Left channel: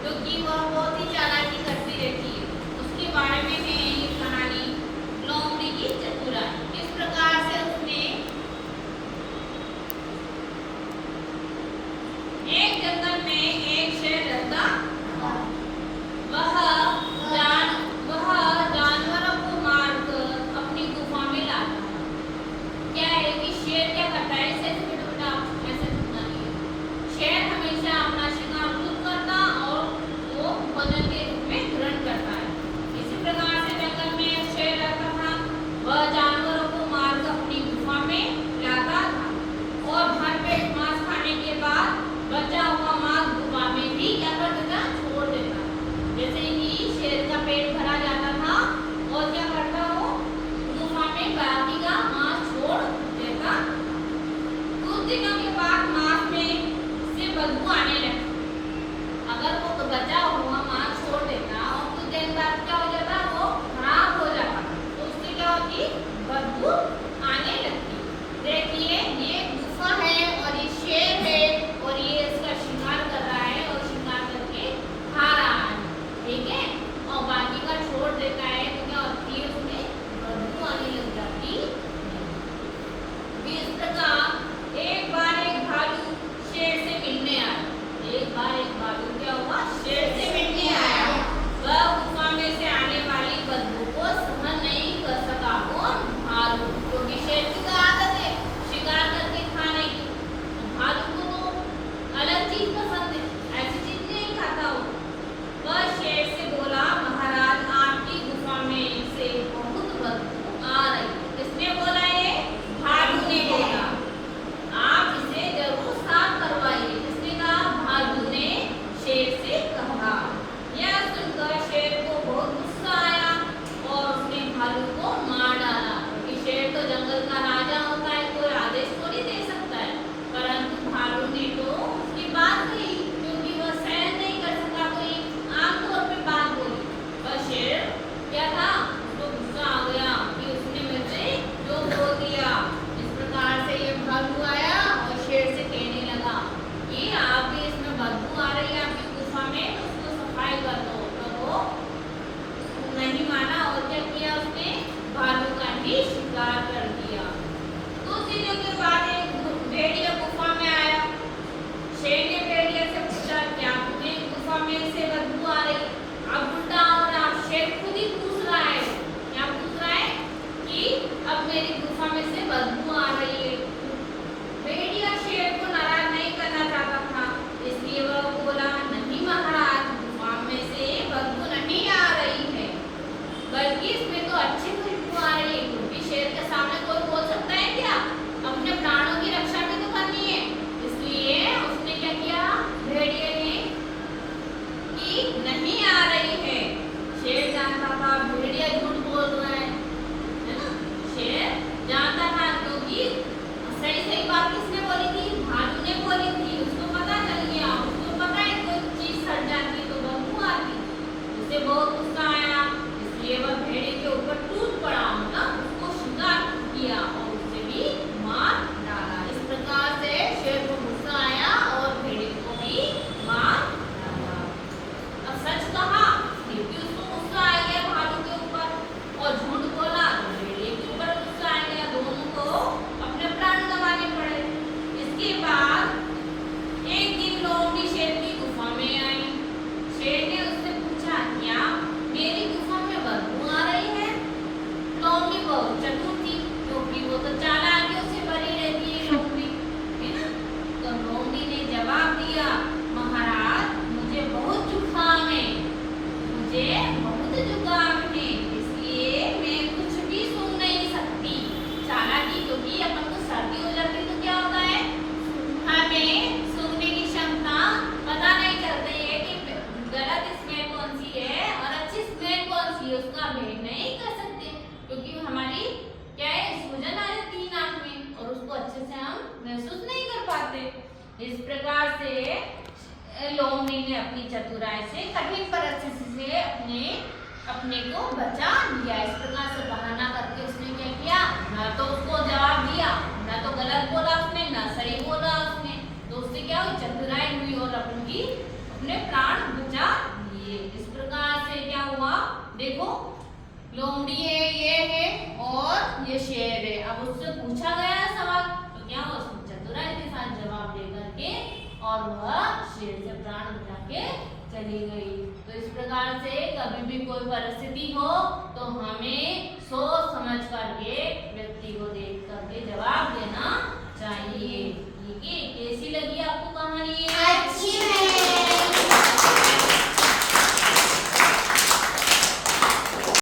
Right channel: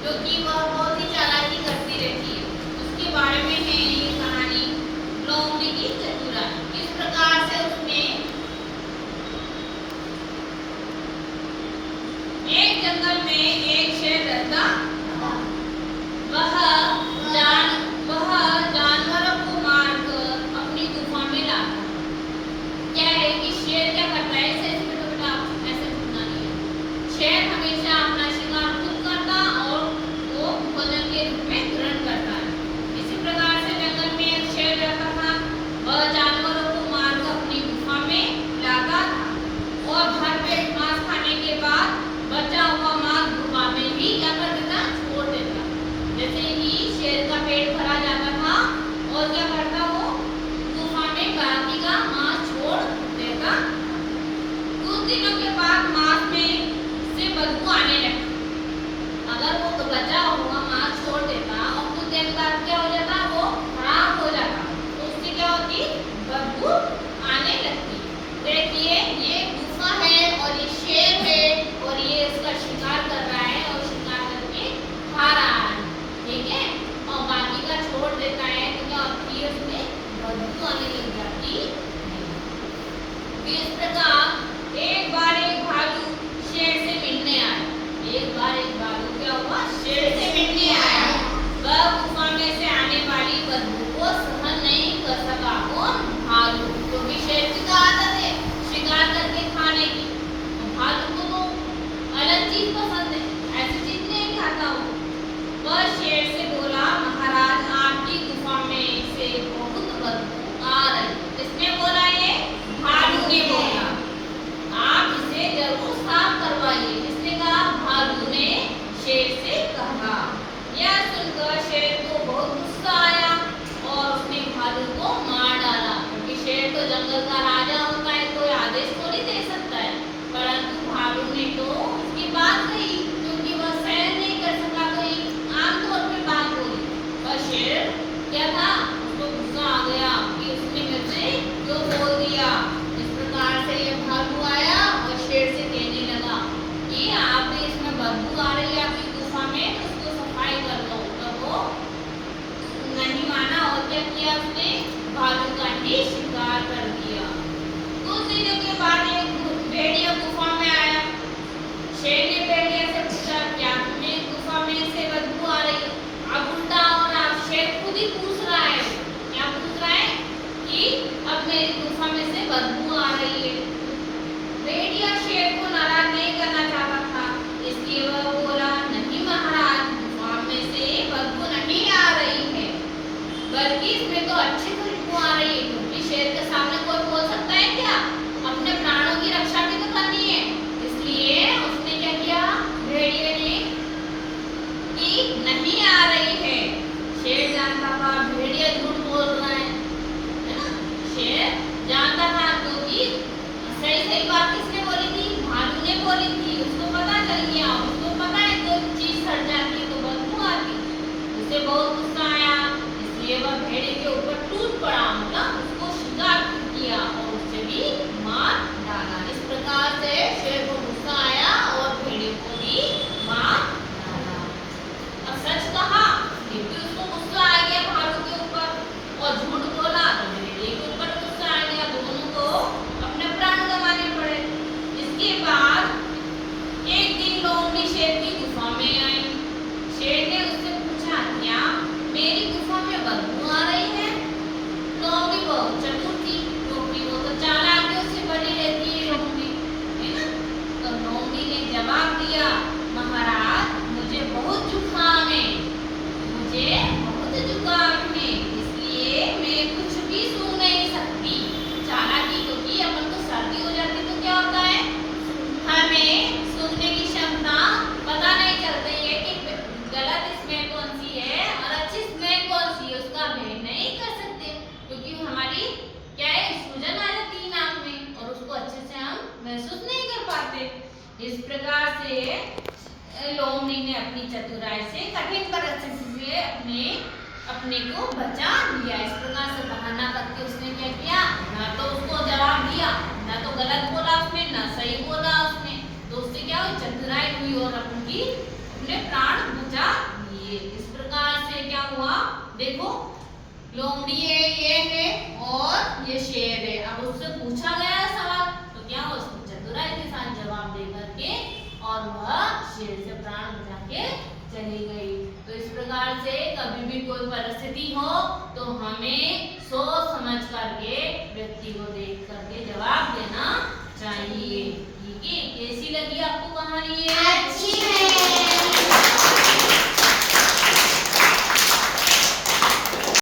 क्योंकि वह बहुत ही चालाकी करती रहती है। उसके बारे में है ये कहानी लोमड़ी की चतुराई। इस प्रकार से उसने एक जंगल में एक शेर रहता था। वह जानवरों को मारकर अपनी गुफा में लाता। क्या है कि शेर क्या करता है, ऐसे बेटा ऐसे घूमना नहीं है। शेर हमेशा अपना शिकार खुद करता और वो भोजन के रूप में ग्रहण करता है। इसी प्रकार से जंगल में एक शेर रहता था। वह जानवरों को मारकर अपनी गुफा में लाता था और भरपेट मांस खाने के बाद बचा हुआ मांस गुफा में भी क्या कर देता, छोड़ देता। जैसे ही शेर का पेट भरा जाता था और क्या करता, वो गुफा में बाकी का मांस छोड़ देता। कुछ दिनों के बाद मांस में से बदबू आने लगती। अगर वो तो बचा हुआ मांस छोड़ देता और कुछ देर बाद क्या हो जाता, वो खराब हो जाता, तो उससे क्या होती, बदबू आने लगती। देखिए ये गुफा है और ये शेर है और ये इसका शिकार कर रहा है और शिकार करके खा रहा है, ठीक है, और बाकी का छोड़ देता है तो क्या होती है, उसमें बदबू आने लग जाती है। इस प्रकार एक बार एक भालू शेर से मिलने आया। एक बार एक भालू क्या हुआ, शेर से मिलने आया। वह गुफा में से आने वाली बदबू को सहन नहीं कर सका। कौन, भालू, क्योंकि शेर की आदत है शिकार करके खाने की। भालू को तो अलग चीज पसंद है, ऐसी चीज नहीं खाता वो। वह शेर से बोला, महाराज आपकी गुफा में से बहुत बदबू आ रही। किसने बोला, ये भालू ने बोला। आप इसे जरूर साफ करवाइए। किसने कहा, भालू ने शेर से कहा। यह सुनकर शेर को बहुत गुस्सा आया और उसने भालू को मार डाला। क्योंकि शेर तो जंगल का राजा होता है, कोई आदेश थोड़ी दे सकता है, परंतु भालू ने तो उसकी बात कही क्योंकि वह सहन नहीं कर सका, तो आमतौर पे बात बोली। पर शेर क्या था, उसको गुस्सा आ गया कि उसने मुझे जो बोल दिया। इस प्रकार से ये भालू आया और शेर से कहने लगा कि आपने इसमें बदबू आ रही है आपकी गुफा में, तो उसको सफाई कर दो। तो वो नहीं माना और क्या किया, उसने भालू का ही शिकार कर दिया। कुछ दिनों के बाद एक भेड़िया गुफा में आया। शेर ने भेड़िया से पूछा, क्या तुम्हें गुफा में से बदबू आ रही? अब उल्टा हो रहा, शेर खुद ही पूछ रहा है। क्या पूछ रहा है कि अब मेरी गुफा में से बदबू आ रही है। भेड़िया शेर को नाराज नहीं करना चाहता था, इसलिए वह बोला, नहीं महाराज, गुफा में से बदबू नहीं आ रही है, बल्कि इसमें तो अच्छी खुशबू आ रही है। क्योंकि शेर के सामने कोई बोल सकता है क्या, अपने प्राणों की रक्षा भी तो करनी है। इसलिए उसने क्या किया, भेड़िए ने, कि नहीं आ रही है। शेर जानता था भेड़िया झूठ बोल रहा है ना, शेर जानता था, क्योंकि सही सही बात किसने बोली थी, भालू ने बोली थी। उसको पता चल गया, उसको पता है कोई चीज सड़ जाती तो बदबू आती। उसे बहुत गुस्सा आया, इसलिए वह भेड़िए के ऊपर टूट पड़ा, मतलब उसको शिकार किया और उसे भी मार डाला। इस प्रकार से शेर को गुस्सा आया और भेड़िए को भी मार डाला। अब सच कहा क्योंकि उसको गुस्सा आ गया भालू के ऊपर, और झूठ बोला तो भेड़िए के ऊपर गुस्सा आ गया। दोनों को अपने प्राण गंवाने पड़े। इसके बाद एक दिन लोमड़ी शेर की गुफा में आई। शेर ने उससे पूछा, क्या मेरी गुफा में बदबू आ रही है? लोमड़ी बहुत चतुर थी, क्योंकि वो तो चालाकियों से बनी रहती है लोमड़ी, है ना। तो लोमड़ी ने जवाब दिया, महाराज मुझे बहुत जुकाम है, मुझे बहुत जुकाम है, इसलिए मैं कुछ भी सूंघ नहीं सकती। चालाकी, क्योंकि अपन को सर्दी हो जाती तो क्या होता है, हमें सूंघने की क्षमता पता नहीं चलती है कि गलत स्मेल कौन सी है और अच्छी स्मेल कौन सी है, उसका भेद नहीं कर सकते, क्योंकि हमारी क्या है, सूजन आ जाती है नाक में और उसको अच्छे से हम महसूस नहीं कर पाते। इस प्रकार से लोमड़ी ने अपनी चतुराई से कठिन परिस्थिति से अपने को बचा लिया। इस प्रकार से बहाना करके उसने क्या किया, ना तो उसको जवाब दिया, ना तो गलत बोला उसने, ना सही बोला उसने, तो उससे क्या हुई, चतुराई हुई और अपने प्राण बचा चाहिए। इस प्रकार से क्या हुआ, देखो लोमड़ी है, ये है और ये शेर है। अब उससे पूछा गया है सवाल, तो क्या उसने चतुराई के साथ जवाब दे करके और वह शेर से प्राण बचा के चली गई। तो इस प्रकार से कभी भी कोई परिस्थिति हो तो हमें सोच समझ करके व्यक्ति को देख करके जवाब देना चाहिए। ठीक है, कैसी लगी आपको कहानी? अच्छी है।